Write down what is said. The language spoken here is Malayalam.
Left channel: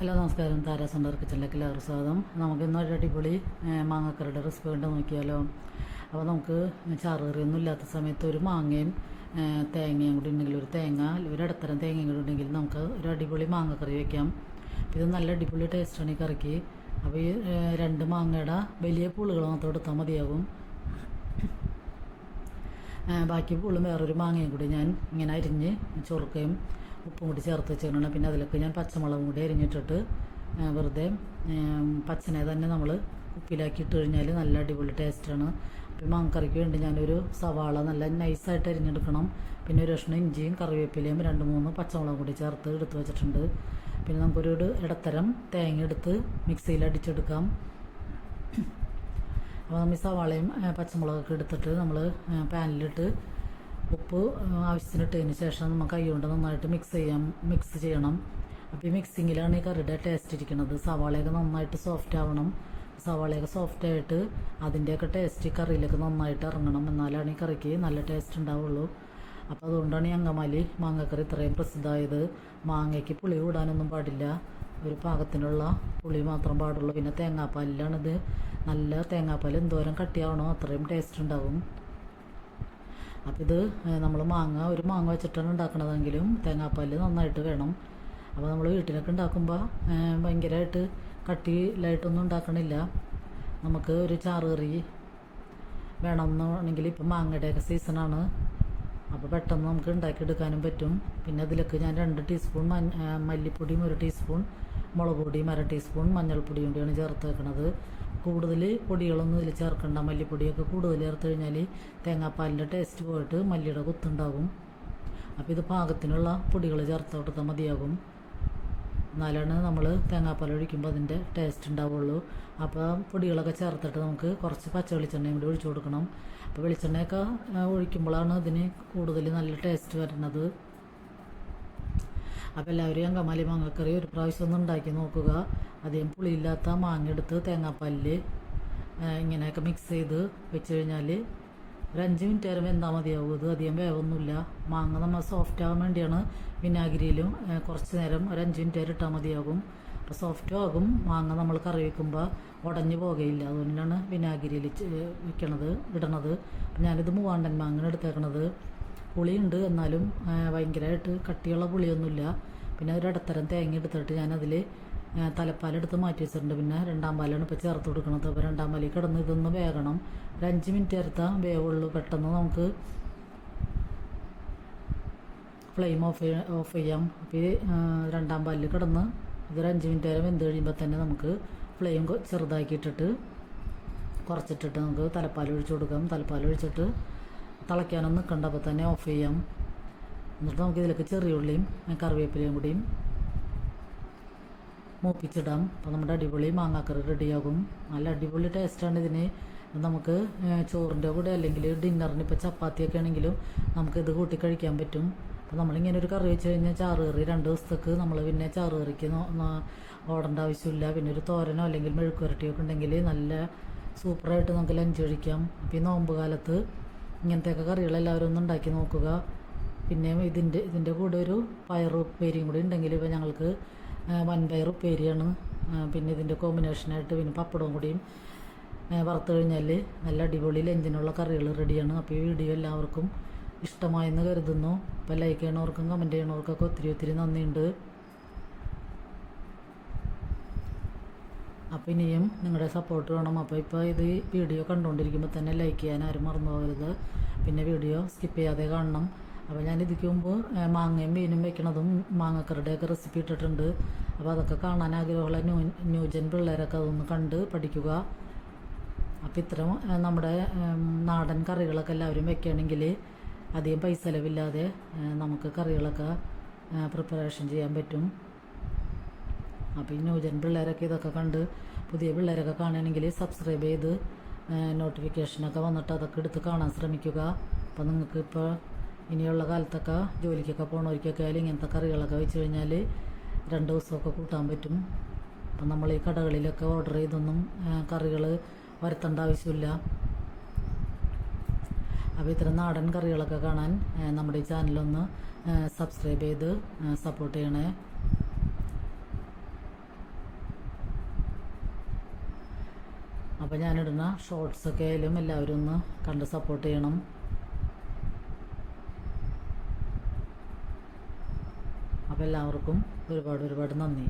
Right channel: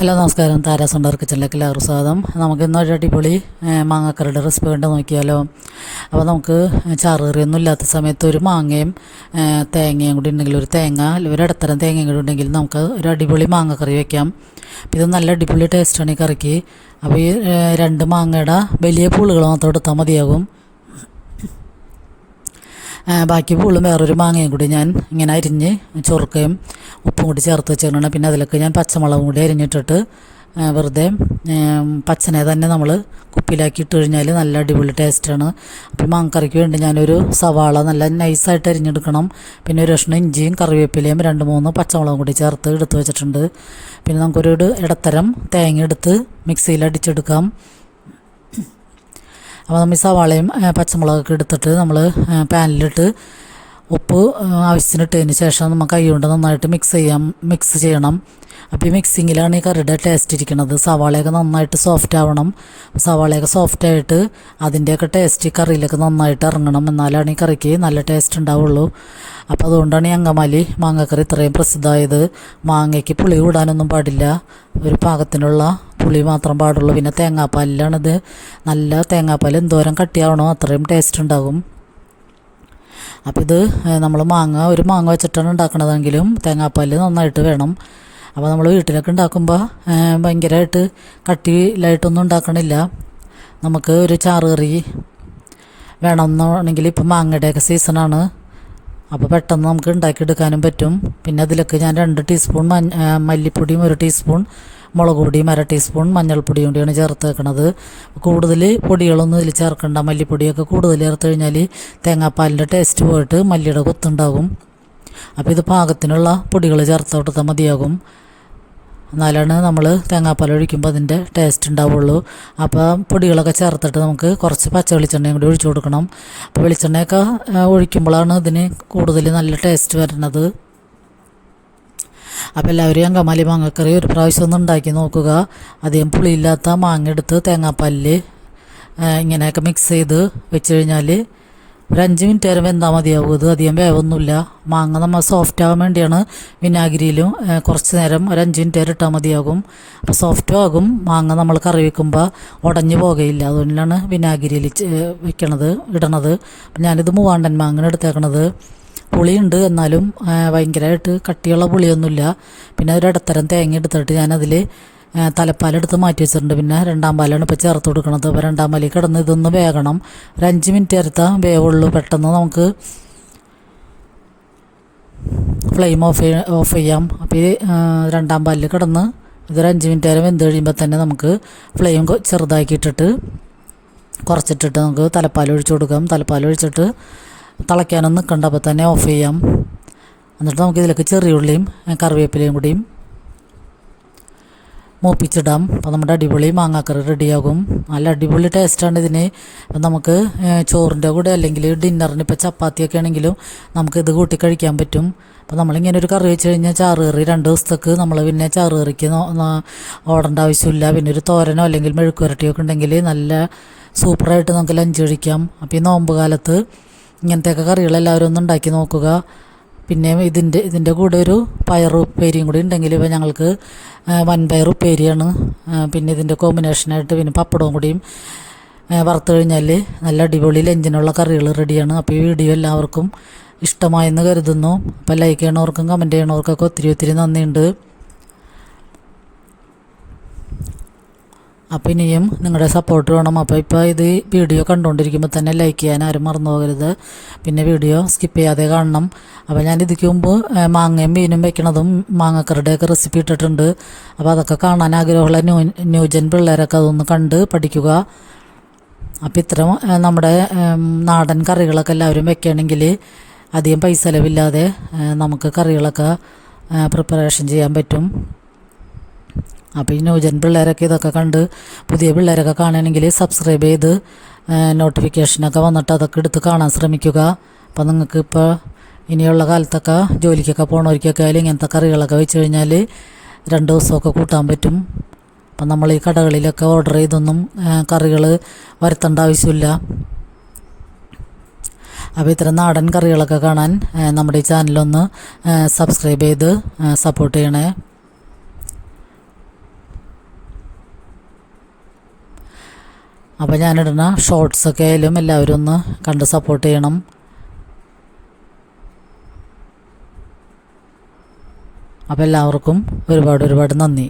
ഹലോ നമസ്കാരം, താരാസ് ഉണ്ടാർ കിച്ചണിലേക്ക് എല്ലാവർക്കും സ്വാഗതം. നമുക്ക് ഇന്നൊരു അടിപൊളി മാങ്ങാക്കറിയുടെ റെസിപ്പി കണ്ട് നോക്കിയാലോ. അപ്പോൾ നമുക്ക് ചാറുകറിയൊന്നും ഇല്ലാത്ത സമയത്ത് ഒരു മാങ്ങയും തേങ്ങയും കൂടി ഉണ്ടെങ്കിൽ, ഒരു തേങ്ങ ഒരു ഇടത്തരം തേങ്ങയും കൂടി ഉണ്ടെങ്കിൽ നമുക്ക് ഒരു അടിപൊളി മാങ്ങക്കറി വയ്ക്കാം. അപ്പോൾ ഇത് നല്ല അടിപൊളി ടേസ്റ്റാണ് ഈ കറിക്ക്. അപ്പോൾ ഈ രണ്ട് മാങ്ങയുടെ വലിയ പുളുകൾ മാത്രം എടുത്താൽ മതിയാകും. ബാക്കി പുള്ളും വേറൊരു മാങ്ങയും കൂടി ഞാൻ ഇങ്ങനെ അരിഞ്ഞ് ചൊറുക്കയും ഉപ്പും കൂടി ചേർത്ത് വെച്ചിട്ടുണ്ട്. പിന്നെ അതിലേക്ക് ഞാൻ പച്ചമുളകും കൂടി അരിഞ്ഞിട്ടിട്ട് വെറുതെ പച്ചനെ തന്നെ നമ്മൾ കുപ്പിയിലാക്കി ഇട്ട് കഴിഞ്ഞാൽ നല്ല അടിപൊളി ടേസ്റ്റാണ്. അപ്പോൾ മാങ്ങക്കറിക്ക് വേണ്ടി ഞാനൊരു സവാള നല്ല നൈസായിട്ട് അരിഞ്ഞെടുക്കണം. പിന്നെ ഒരു കഷ്ണം ഇഞ്ചിയും കറിവേപ്പിലയും 2-3 പച്ചമുളകും കൂടി ചേർത്ത് എടുത്ത് വെച്ചിട്ടുണ്ട്. പിന്നെ നമുക്കൊരു ഇടത്തരം തേങ്ങ എടുത്ത് മിക്സിയിൽ അടിച്ചെടുക്കാം. അപ്പോൾ നമ്മൾ ഈ സവാളയും പച്ചമുളകൊക്കെ എടുത്തിട്ട് നമ്മൾ പാനിലിട്ട് ഉപ്പ് ആവശ്യത്തിനിട്ടതിന് ശേഷം നമുക്ക് കൈ കൊണ്ട് നന്നായിട്ട് മിക്സ് ചെയ്യണം. അപ്പോൾ ഈ മിക്സിങ്ങിലാണ് ഈ കറിയുടെ ടേസ്റ്റ് ഇരിക്കുന്നത്. സവാളയൊക്കെ നന്നായിട്ട് സോഫ്റ്റ് ആവണം. സവാളയൊക്കെ സോഫ്റ്റായിട്ട് അതിൻ്റെയൊക്കെ ടേസ്റ്റ് ഈ കറിയിലൊക്കെ നന്നായിട്ട് ഇറങ്ങണം. എന്നാലാണ് ഈ കറിക്ക് നല്ല ടേസ്റ്റ് ഉണ്ടാവുള്ളൂ. അപ്പോൾ അതുകൊണ്ടാണ് ഈ അങ്കമാലി മാങ്ങക്കറി ഇത്രയും പ്രസിദ്ധമായത്. മാങ്ങയ്ക്ക് പുളി കൂടാനൊന്നും പാടില്ല, ഒരു പാകത്തിനുള്ള പുളി മാത്രം പാടുള്ളൂ. പിന്നെ തേങ്ങാപ്പാലിലാണിത്. നല്ല തേങ്ങാപ്പാൽ എന്തോരം കട്ടിയാവണോ അത്രയും ടേസ്റ്റ് ഉണ്ടാകും. അപ്പോൾ ഇത് നമ്മൾ ഒരു മാങ്ങ വെച്ചിട്ടാണ് ഉണ്ടാക്കണതെങ്കിലും തേങ്ങാപ്പാൽ നന്നായിട്ട് വേണം. അപ്പോൾ നമ്മൾ വീട്ടിലൊക്കെ ഉണ്ടാക്കുമ്പോൾ ഭയങ്കരമായിട്ട് കട്ടിയിലായിട്ടൊന്നും ഉണ്ടാക്കണില്ല. നമുക്ക് ഒരു ചാറുകറി വേണമെന്നുണ്ടെങ്കിൽ ഇപ്പം മാങ്ങയുടെയൊക്കെ സീസണാണ്. അപ്പോൾ പെട്ടെന്ന് നമുക്ക് ഉണ്ടാക്കിയെടുക്കാനും പറ്റും. പിന്നെ അതിലേക്ക് ഞാൻ 2 ടീസ്പൂൺ മല്ലിപ്പൊടിയും 1 ടീസ്പൂൺ മുളക് പൊടിയും 1/2 ടീസ്പൂൺ മഞ്ഞൾപ്പൊടിയും കൂടിയാണ് ചേർത്ത് വെക്കണത്. കൂടുതൽ പൊടികളൊന്നും ഇതിൽ ചേർക്കണ്ട. മല്ലിപ്പൊടിയൊക്കെ കൂടുതൽ ചേർത്ത് കഴിഞ്ഞാൽ തേങ്ങാപ്പാലിൻ്റെ ടേസ്റ്റ് പോയിട്ട് മല്ലിയുടെ കൊത്തുണ്ടാകും. അപ്പോൾ ഇത് പാകത്തിനുള്ള പൊടികൾ ചേർത്ത് കൊടുത്താൽ മതിയാകും. എന്നാലാണ് നമ്മൾ തേങ്ങാപ്പാൽ ഒഴിക്കുമ്പോൾ അതിൻ്റെ ടേസ്റ്റ് ഉണ്ടാവുള്ളൂ. അപ്പോൾ പൊടികളൊക്കെ ചേർത്തിട്ട് നമുക്ക് കുറച്ച് പച്ച വെളിച്ചെണ്ണയും കൂടി ഒഴിച്ചു കൊടുക്കണം. അപ്പോൾ വെളിച്ചെണ്ണയൊക്കെ ഒഴിക്കുമ്പോഴാണ് ഇതിന് കൂടുതൽ നല്ല ടേസ്റ്റ് വരുന്നത്. അപ്പോൾ എല്ലാവരും അങ്കമാലി മാങ്ങക്കറി ഒരു പ്രാവശ്യം ഒന്ന് ഉണ്ടാക്കി നോക്കുക. അധികം പുളിയില്ലാത്ത മാങ്ങ എടുത്ത് തേങ്ങാപ്പാലിൽ ഇങ്ങനെയൊക്കെ മിക്സ് ചെയ്ത് വെച്ച് കഴിഞ്ഞാൽ ഒരു 5 മിനിറ്റ് നേരം വെന്താൽ മതിയാകും. ഇത് അധികം വേവൊന്നുമില്ല. മാങ്ങ നമ്മൾ സോഫ്റ്റ് ആകാൻ വേണ്ടിയാണ് വിനാഗിരിയിലും കുറച്ച് നേരം ഒരു 5 മിനിറ്റ് നേരം ഇട്ടാൽ മതിയാകും. അപ്പോൾ സോഫ്റ്റും ആകും. മാങ്ങ നമ്മൾ കറി വയ്ക്കുമ്പോൾ ഉടഞ്ഞു പോകുകയില്ല. അതുകൊണ്ടാണ് വിനാഗിരിയിൽ ഇടണത്. അപ്പം ഞാനിത് മൂവാണ്ടൻ മാങ്ങ എടുത്തേക്കണത്. പുളിയുണ്ട്, എന്നാലും ഭയങ്കരമായിട്ട് കട്ടിയുള്ള പുളിയൊന്നുമില്ല. പിന്നെ ഒരു ഇടത്തരം തേങ്ങ എടുത്തിട്ട് ഞാനതിൽ തലപ്പാലെടുത്ത് മാറ്റി വെച്ചിട്ടുണ്ട്. പിന്നെ 2-ാം പാലാണ് ഇപ്പോൾ ചേർത്ത് കൊടുക്കുന്നത്. അപ്പോൾ 2-ാം പാലിൽ കിടന്ന് ഇതൊന്ന് വേകണം. ഒരു 5 മിനിറ്റ് നേരത്തെ വേവുള്ളൂ. പെട്ടെന്ന് നമുക്ക് ഫ്ലെയിം ഓഫ് ചെയ്യാം. അപ്പോൾ ഈ 2-ാം പാലിൽ കിടന്ന് ഇതൊരു 5 മിനിറ്റ് നേരം വെന്ത് കഴിയുമ്പോൾ തന്നെ നമുക്ക് ഫ്ലെയിം ചെറുതാക്കിയിട്ടിട്ട് കുറച്ചിട്ടിട്ട് നമുക്ക് തലപ്പാൽ ഒഴിച്ചു കൊടുക്കാം. തലപ്പാൽ ഒഴിച്ചിട്ട് തിളയ്ക്കാനൊന്നും നിൽക്കണ്ട, അപ്പോൾ തന്നെ ഓഫ് ചെയ്യാം. എന്നിട്ട് നമുക്ക് ഇതിലേക്ക് ചെറിയുള്ളിയും കറിവേപ്പിലയും കൂടിയും മൂപ്പിച്ചിടാം. അപ്പോൾ നമ്മുടെ അടിപൊളി മാങ്ങാക്കറി റെഡിയാകും. നല്ല അടിപൊളി ടേസ്റ്റാണ് ഇതിന്. അപ്പം നമുക്ക് ചോറിൻ്റെ കൂടെ അല്ലെങ്കിൽ ഡിന്നറിന് ഇപ്പോൾ ചപ്പാത്തിയൊക്കെ ആണെങ്കിലും നമുക്കിത് കൂട്ടി കഴിക്കാൻ പറ്റും. അപ്പോൾ നമ്മളിങ്ങനെ ഒരു കറി വെച്ച് കഴിഞ്ഞാൽ ചാറുകറി 2 ദിവസത്തേക്ക് നമ്മൾ പിന്നെ ചാറുകറിക്ക് ഓടേണ്ട ആവശ്യമില്ല. പിന്നെ ഒരു തോരനോ അല്ലെങ്കിൽ മെഴുക്കുവരട്ടിയൊക്കെ ഉണ്ടെങ്കിൽ നല്ല സൂപ്പറായിട്ട് നമുക്ക് ലഞ്ച് കഴിക്കാം. അപ്പോൾ ഈ നോമ്പ് കാലത്ത് ഇങ്ങനത്തെയൊക്കെ കറികളെല്ലാവരും ഒന്ന് ഉണ്ടാക്കി നോക്കുക. പിന്നെ ഇതിൻ്റെ കൂടെ ഒരു പയറുപ്പേരിയും കൂടി ഉണ്ടെങ്കിൽ ഇപ്പോൾ ഞങ്ങൾക്ക് വൻപയർ ഉപ്പേരിയാണ്. പിന്നെ ഇതിൻ്റെ കോമ്പിനേഷനായിട്ട് പിന്നെ പപ്പടവും കൂടിയും വറുത്ത് കഴിഞ്ഞാൽ നല്ല അടിപൊളി ലഞ്ചിനുള്ള കറികൾ റെഡിയാണ്. അപ്പോൾ ഈ വീഡിയോ എല്ലാവർക്കും ഇഷ്ടമായെന്ന് കരുതുന്നു. അപ്പോൾ ലൈക്ക് ചെയ്യണവർക്കും കമൻറ്റ് ചെയ്യണവർക്കൊക്കെ ഒത്തിരി നന്ദിയുണ്ട്. അപ്പോൾ ഇനിയും നിങ്ങളുടെ സപ്പോർട്ട് വേണം. അപ്പോൾ ഇപ്പോൾ ഇത് വീഡിയോ കണ്ടുകൊണ്ടിരിക്കുമ്പോൾ തന്നെ ലൈക്ക് ചെയ്യാൻ ആരും മറന്നു പോകരുത്. പിന്നെ വീഡിയോ സ്കിപ്പ് ചെയ്യാതെ കാണണം. അപ്പോൾ ഞാൻ ഇതിക്ക് മുമ്പ് മാങ്ങയും മീനും വെക്കണതും മാങ്ങക്കറിയുടെയൊക്കെ റെസിപ്പി ഇട്ടിട്ടുണ്ട്. അപ്പോൾ അതൊക്കെ കാണാൻ ആഗ്രഹമുള്ള ന്യൂജൻ പിള്ളേരൊക്കെ അതൊന്ന് കണ്ട് പഠിക്കുക. അപ്പോൾ ഇത്തരം നമ്മുടെ നാടൻ കറികളൊക്കെ എല്ലാവരും വെക്കുകയാണെങ്കിൽ അധികം പൈസ ചിലവില്ലാതെ നമുക്ക് കറികളൊക്കെ പ്രിപ്പറേഷൻ ചെയ്യാൻ പറ്റും. അപ്പോൾ ഈ ന്യൂജൻ പിള്ളേരൊക്കെ ഇതൊക്കെ കണ്ട് പുതിയ പിള്ളേരൊക്കെ കാണുകയാണെങ്കിൽ സബ്സ്ക്രൈബ് ചെയ്ത് നോട്ടിഫിക്കേഷനൊക്കെ വന്നിട്ട് അതൊക്കെ എടുത്ത് കാണാൻ ശ്രമിക്കുക. അപ്പോൾ നിങ്ങൾക്ക് ഇപ്പോൾ ഇനിയുള്ള കാലത്തൊക്കെ ജോലിക്കൊക്കെ പോകണവർക്കൊക്കെ ആയാലും ഇങ്ങനത്തെ കറികളൊക്കെ വെച്ച് കഴിഞ്ഞാൽ 2 ദിവസമൊക്കെ കൂട്ടാൻ പറ്റും. അപ്പം നമ്മൾ ഈ കടകളിലൊക്കെ ഓർഡർ ചെയ്തൊന്നും കറികൾ വരുത്തേണ്ട ആവശ്യമില്ല. അപ്പോൾ ഇത്തരം നാടൻ കറികളൊക്കെ കാണാൻ നമ്മുടെ ഈ ചാനലൊന്ന് സബ്സ്ക്രൈബ് ചെയ്ത് സപ്പോർട്ട് ചെയ്യണേ. അപ്പോൾ ഞാനിടുന്ന ഷോർട്സൊക്കെ ആയാലും എല്ലാവരും ഒന്ന് കണ്ട് സപ്പോർട്ട് ചെയ്യണം. അപ്പോൾ എല്ലാവർക്കും ഒരുപാട് നന്ദി.